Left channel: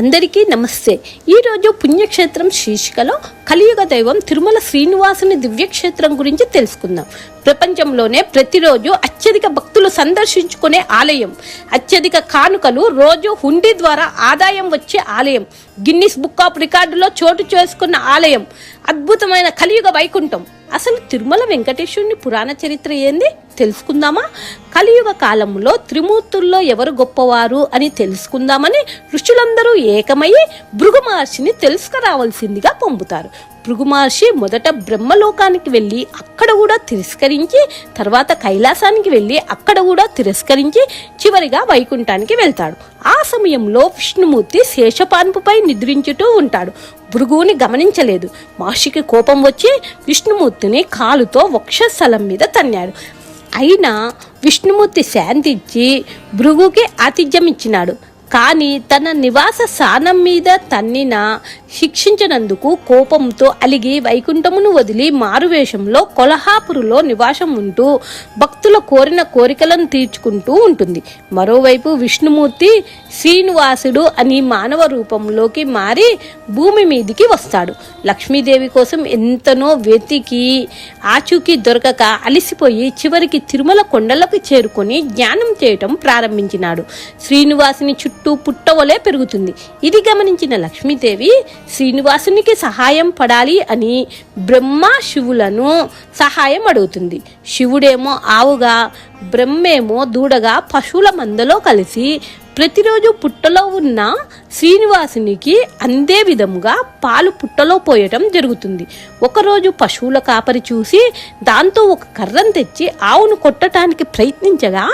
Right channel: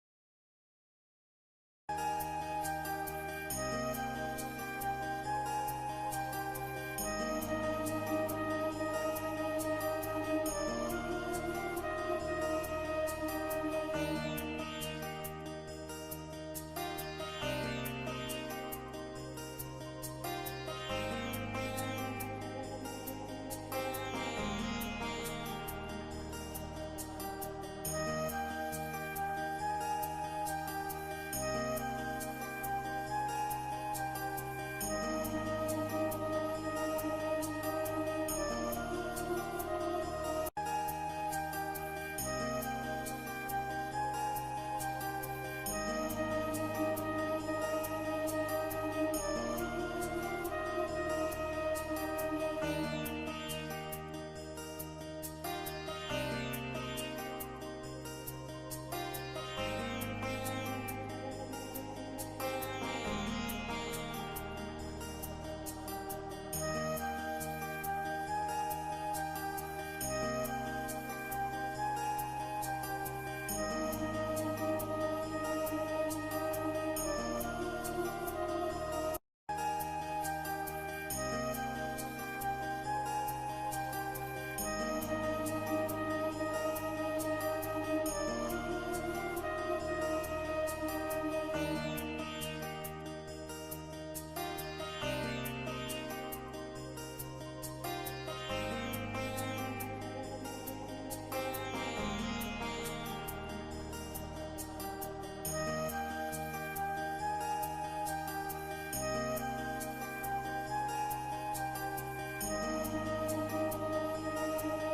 అందరికీ నమస్తే. ఈరోజు పుణ్యక్షేత్రం శీర్షికలో కలియుగ దైవం తిరుమల శ్రీనివాసుని దివ్యక్షేత్రం గురించి తెలుసుకుందాం. ప్రపంచంలోనే ప్రతిరోజు అత్యధిక భక్తులు సందర్శించుకునే ఆలయం, అత్యధిక కానుకలు రోజు హుండీ ద్వారా ఆదాయం వచ్చే ఆలయం, గిన్నిస్ బుక్ ఆఫ్ రికార్డులో చోటు చేసుకున్న ఆలయం, అద్భుతమైన కలియుగ వైకుంఠం. అసలు తిరుమల వెంకటేశ్వరుని పురాణ చరిత్ర ఏంది తెలుసుకుందామా? కలియుగ కాలంలో త్రిమూర్తుల్లో ఎవరు గొప్పవారు అని తెలుసుకుందామని ఋషులందరూ ఏకమయ్యి భృగు మహర్షిని తెలుసుకురావాల్సిందిగా పంపుతారు. భృగు మహర్షి మొదట బ్రహ్మలోకానికి వెళ్ళి అక్కడ కూడా తిరస్కరించి, తర్వాత కైలాసానికి వెళ్ళి అక్కడ కూడా తిరస్కరించి, చివరిగా వైకుంఠానికి వెళ్తాడు. ఆ సమయంలో విష్ణుమూర్తి శేషపాన్పుపై నిద్రించుతూ ఉంటాడు. భృగువుని గమనించలేదు. మహర్షికి కోపం వచ్చి విష్ణుమూర్తిని కాలుతో వక్షస్థలం మీద తన్నాడు. అయినా విష్ణుమూర్తి శాంతించి భృగుకి ఆతిథ్యం ఇచ్చినాడు. కానీ తన నివాస స్థానం మీద తన్నిన శిక్షించినందుకు కోపంతో అలిగి వైకుంఠమును వదిలి మారువేషంలో కొల్హాపురులో నివాసం ఉంటూ భక్తుల కోరిన కోరికలను తీర్చుకుంటూ ఉంటుంది. మరోవైపు విష్ణుమూర్తి శ్రీనివాసుడు అని మానవ రూపంలోకి మారి భూమి మీదికి వస్తాడు. లక్ష్మీదేవి కోసం ఎంతనో వెతికి ఆచూకీ దొరకక అలిసిపోయి చివరికి తిరుమల కొండలకు చేరుకొని ధ్యానం చేయటం ప్రారంభించినాడు. శ్రీనివాసుని చుట్టూ పుట్టవలే పెరుగుతుంది. ఇది గమనించిన లక్ష్మీదేవి శ్రీనివాసునికి సహాయం పడాలి అని బ్రహ్మ శివులను సహాయం అడుగుతుంది. శివుడేమో ఆవుగా, బ్రహ్మేమో దూడగా పశువుల మందలో కలిసి ప్రతిరోజు పుట్టలో ఉన్న శ్రీనివాసునికి అందే విధముగా పాలు పుట్టలో పోయటం జరుగుతుంది. ఒకరోజు పశువుల కాపరి చూసి దాంతో ఒక కర్రను తెచ్చి ఆవును కొట్టడానికి ప్రయత్నించగా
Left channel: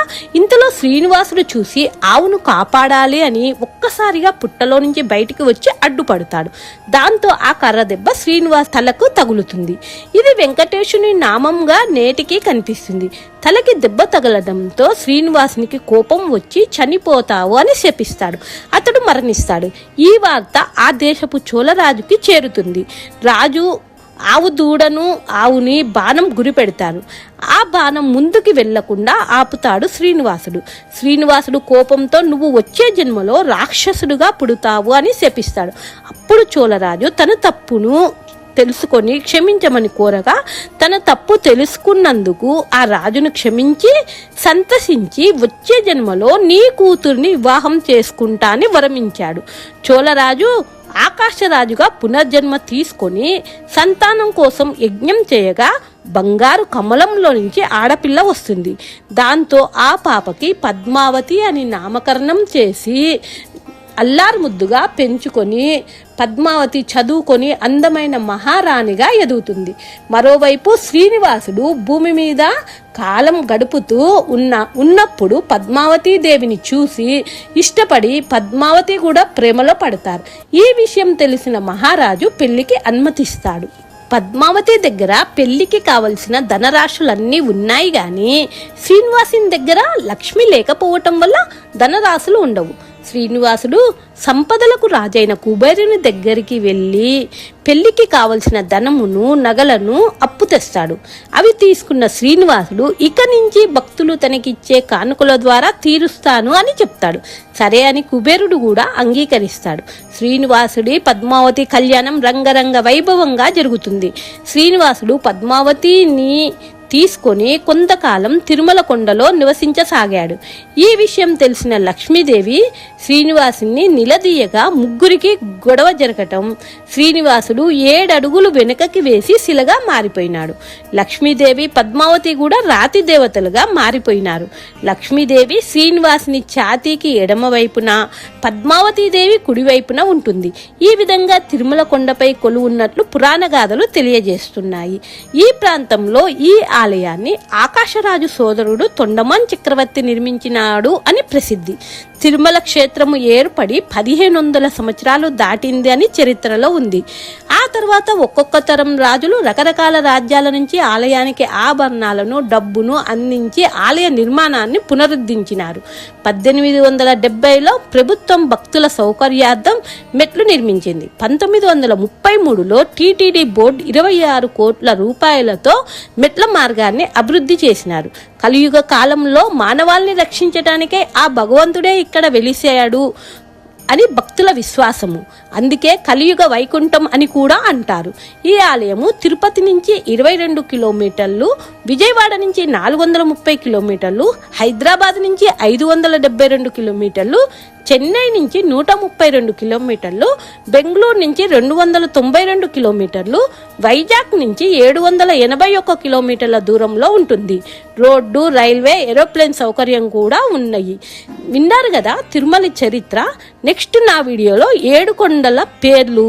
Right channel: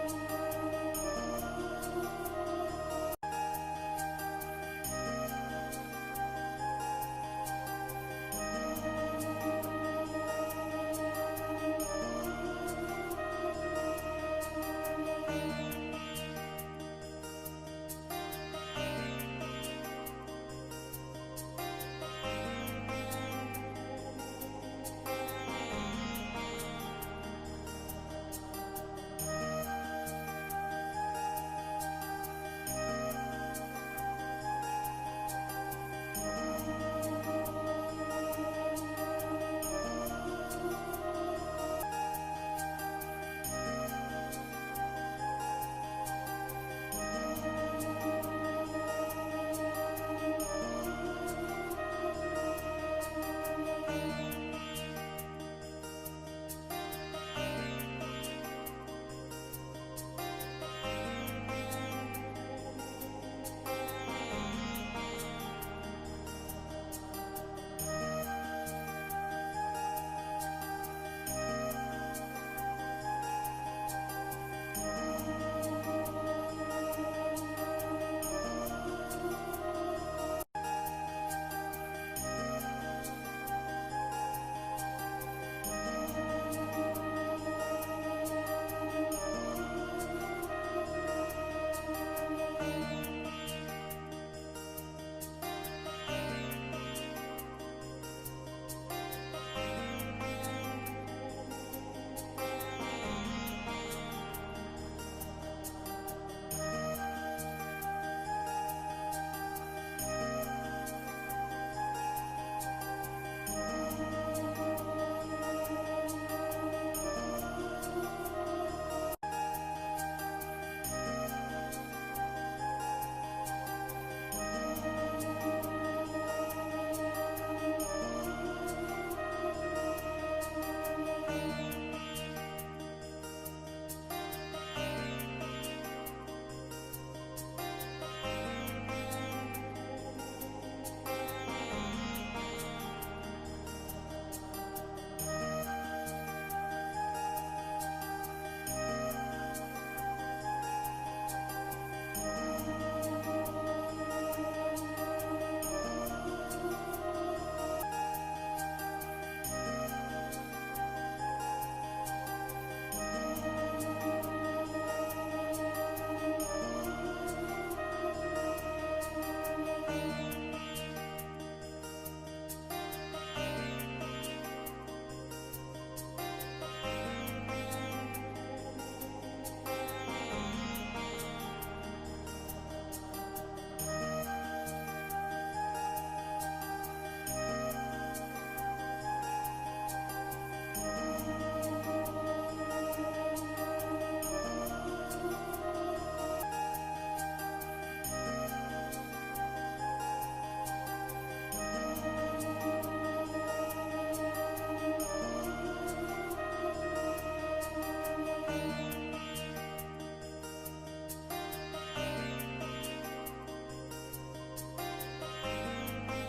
ఇంతలో శ్రీనివాసుడు చూసి ఆవును కాపాడాలి అని ఒక్కసారిగా పుట్టలో నుంచి బయటికి వచ్చి అడ్డుపడతాడు. దాంతో ఆ కర్ర దెబ్బ శ్రీనివాస్ తలకు తగులుతుంది. ఇది వెంకటేశుని నామంగా నేటికి కనిపిస్తుంది. తలకి దెబ్బ తగలడంతో శ్రీనివాసునికి కోపం వచ్చి చనిపోతావు అని శపిస్తాడు. అతడు మరణిస్తాడు. ఈ వార్త ఆ దేశపు చోళరాజుకి చేరుతుంది. రాజు ఆవు దూడను, ఆవుని బాణం గురి పెడతారు. ఆ బాణం ముందుకి వెళ్లకుండా ఆపుతాడు శ్రీనివాసుడు. శ్రీనివాసుడు కోపంతో నువ్వు వచ్చే జన్మలో రాక్షసుడుగా పుడతావు అని శపిస్తాడు. అప్పుడు చోళరాజు తన తప్పును తెలుసుకొని క్షమించమని కోరగా తన తప్పు తెలుసుకున్నందుకు ఆ రాజును క్షమించి సంతసించి వచ్చే జన్మలో నీ కూతుర్ని వివాహం చేసుకుంటా అని వరమించాడు. చోళరాజు ఆకాశరాజుగా పునర్జన్మ తీసుకొని సంతానం కోసం యజ్ఞం చేయగా బంగారు కమలంలో నుంచి ఆడపిల్ల వస్తుంది. దాంతో ఆ పాపకి పద్మావతి అని నామకరణం చేసి అల్లారు ముద్దుగా పెంచుకొని పద్మావతి చదువుకొని అందమైన మహారాణిగా ఎదుగుతుంది. మరోవైపు శ్రీనివాసుడు భూమి మీద కాలం గడుపుతూ ఉన్నప్పుడు పద్మావతి దేవిని చూసి ఇష్టపడి పద్మావతి కూడా ప్రేమలో పడతారు. ఈ విషయం తెలిసిన మహారాజు పెళ్లికి అనుమతిస్తాడు. పద్మావతి దగ్గర పెళ్లికి కావలసిన ధనరాశులన్నీ ఉన్నాయి గాని శ్రీనివాసుని దగ్గర లక్ష్మి లేకపోవటం వల్ల ధనరాశులు ఉండవు. శ్రీనివాసుడు సంపదలకు రాజైన కుబేరుని దగ్గరికి వెళ్ళి పెళ్లికి కావలసిన ధనమును, నగలను అప్పు తెస్తాడు. అవి తీసుకున్న శ్రీనివాసుడు ఇక నుంచి భక్తులు తనకిచ్చే కానుకల ద్వారా తీరుస్తాను అని చెప్తాడు. సరే అని కుబేరుడు కూడా అంగీకరిస్తాడు. శ్రీనివాసుడి పద్మావతి కళ్యాణం రంగరంగ వైభవంగా జరుగుతుంది. శ్రీనివాసుడు పద్మావతిని తీసుకొని కొంతకాలం తిరుమల కొండలో నివసించసాగాడు. ఈ విషయం తెలిసిన లక్ష్మీదేవి శ్రీనివాసుని నిలదీయగా ముగ్గురికి గొడవ జరగటం శ్రీనివాసుడు 7 అడుగులు వెనుకకి వేసి శిలగా మారిపోయినాడు. లక్ష్మీదేవి పద్మావతి కూడా రాతి దేవతలుగా మారిపోయినారు. లక్ష్మీదేవి శ్రీనివాసుని ఛాతీకి ఎడమ వైపున, పద్మావతీదేవి కుడివైపున ఉంటుంది. ఈ విధంగా తిరుమల కొండపై కొలువున్నట్లు పురాణ గాథలు తెలియజేస్తున్నాయి. ఈ ప్రాంతంలో ఈ ఆలయాన్ని ఆకాశరాజు సోదరుడు తొండమాన్ చక్రవర్తి నిర్మించినాడు అని ప్రసిద్ధి. తిరుమల క్షేత్రము ఏర్పడి 1500 సంవత్సరాలు దాటింది అని చరిత్రలో ఉంది. ఆ తర్వాత ఒక్కొక్క తరం రాజులు రకరకాల రాజ్యాల నుంచి ఆలయానికి ఆభరణాలను, డబ్బును అందించి ఆలయ నిర్మాణాన్ని పునరుద్ధరించినారు. 1870లో ప్రభుత్వం భక్తుల సౌకర్యార్థం మెట్లు నిర్మించింది. 1933లో టీటీడీ బోర్డు 26 కోట్ల రూపాయలతో మెట్ల మార్గాన్ని అభివృద్ధి చేసినారు. కలియుగ కాలంలో మానవాల్ని రక్షించడానికే ఆ భగవంతుడే ఇక్కడ వెలిసాడు అని భక్తుల విశ్వాసము. అందుకే కలియుగ వైకుంఠం అని కూడా అంటారు. ఈ ఆలయము తిరుపతి నుంచి 22 కిలోమీటర్లు, విజయవాడ నుంచి 430 కిలోమీటర్లు, హైదరాబాద్ నుంచి 572 కిలోమీటర్లు, చెన్నై నుంచి 132 కిలోమీటర్లు, బెంగళూరు నుంచి 292 కిలోమీటర్లు, వైజాగ్ నుంచి 781 కిలోమీటర్ల దూరంలో ఉంటుంది. రోడ్డు, రైల్వే, ఏరోప్లేన్ సౌకర్యం కూడా ఉన్నాయి. విన్నారు కదా తిరుమల చరిత్ర. నెక్స్ట్ నా వీడియోలో 7 కొండల పేర్లు,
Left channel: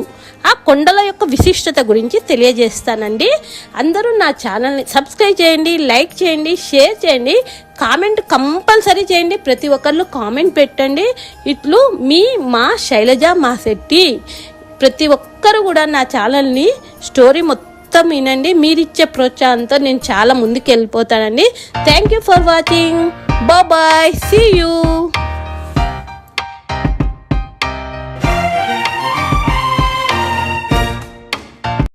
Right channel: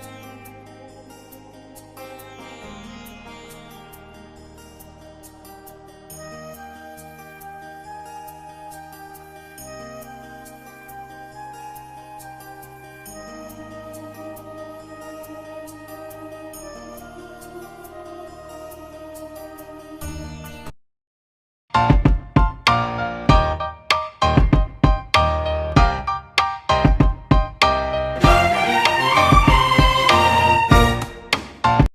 ఆ కొండల యొక్క విశిష్టత గురించి తెలియజేస్తానండి. అందరూ నా ఛానల్ని సబ్స్క్రైబ్ చేయండి, లైక్ చేయండి, షేర్ చేయండి, కామెంట్ కంపల్సరీ చేయండి. ప్రతి ఒక్కళ్ళు కామెంట్ పెట్టండి. ఇట్లు మా శైలజ మాసెట్టి. ప్రతి ఒక్కరు కూడా నా ఛానల్ని స్టోరీ మొత్తం వినండి. మీరిచ్చే ప్రోత్సాహంతో నేను చాలా ముందుకు వెళ్ళిపోతానండి. Thank you for watching. Bye, see you.